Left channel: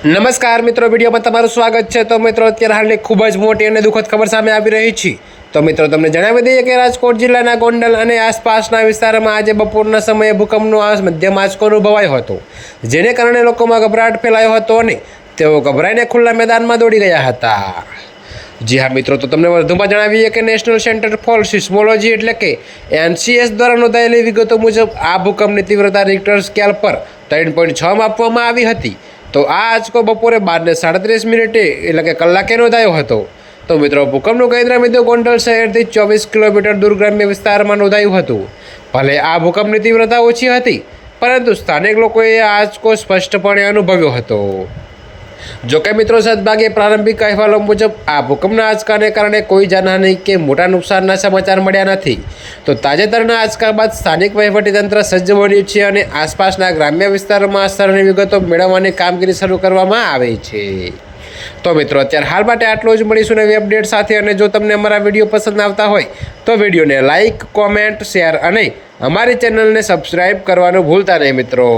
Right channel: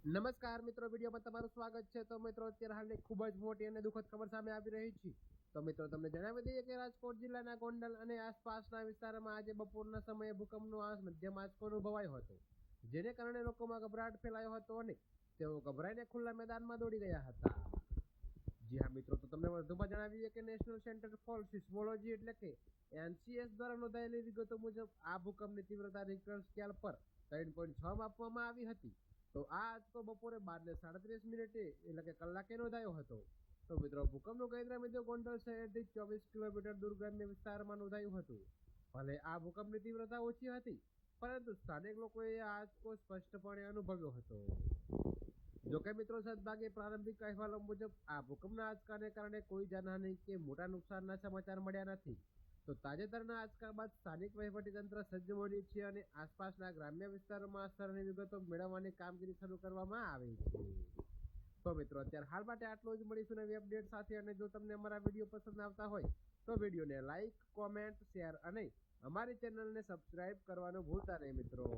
નમસ્કાર મિત્રો, વિડીયોમાં તમારું સ્વાગત છે। તો મિત્રો, અત્યારે હાલની ખૂબ જ મોટી અને દુઃખદ ખબર સામે આવી રહી છે। તો મિત્રો, તમને જણાવી દઈએ કે રાજકોટ જિલ્લાના ગોંડલ અને આસપાસના વિસ્તારમાં આજે બપોરના સમયે ભૂકંપનો મધ્યમ આંચકો અનુભવાયો હતો, જેને કારણે લોકોમાં ગભરાટ ફેલાયો હતો અને તેઓ ગભરાઈને ખુલ્લા મેદાનમાં દોડી ગયા હતા। જી હા મિત્રો, તો તમને વધુમાં જણાવીએ કે નેશનલ સેન્ટર ફોર સિસ્મોલોજી એટલે કે NCS દ્વારા નોંધાયેલી વિગતો મુજબ આ ભૂકંપની તીવ્રતા રિક્ટર સ્કેલ પર 3.6 માપવામાં આવી હતી। તો આ આંચકો બપોરે 12:37 એટલે કે કલાકે નોંધાયો હતો। તો મિત્રો, ભૂકંપનું કેન્દ્ર બિંદુ ગોંડલ શહેરથી 24 કિલોમીટર દૂર ગ્રામ્ય વિસ્તારમાં નોંધાયું હતું। ભલે આ ભૂકંપની તીવ્રતા ઓછી હતી, પરંતુ સ્થાનિક લોકોએ આ આંચકો સ્પષ્ટપણે અનુભવ્યો હતો। જોકે મિત્રો, સદભાગ્યે પ્રારંભિક અહેવાલો મુજબ આ ભૂકંપના આંચકાને કારણે કોઈ જાનહાનિ કે મોટા નુકસાનના સમાચાર મળ્યા નથી। તો તાજેતરના આંચકા બાદ સ્થાનિક વહીવટીતંત્ર સજ્જ બન્યું છે અને આસપાસના ગ્રામ્ય વિસ્તારોમાં અસરની વિગતો મેળવવાની કામગીરી શરૂ કરવામાં આવી છે। તો મિત્રો, અત્યારે હાલ માટે આટલું જ। મળીશું નવી અપડેટ સાથે। અને જો તમને અમારા વિડીયો પસંદ આવતા હોય તો વિડીયોને લાઇક, કોમેન્ટ, શેર અને અમારી ચેનલને સબસ્ક્રાઈબ કરવાનું ભૂલતા નહીં મિત્રો।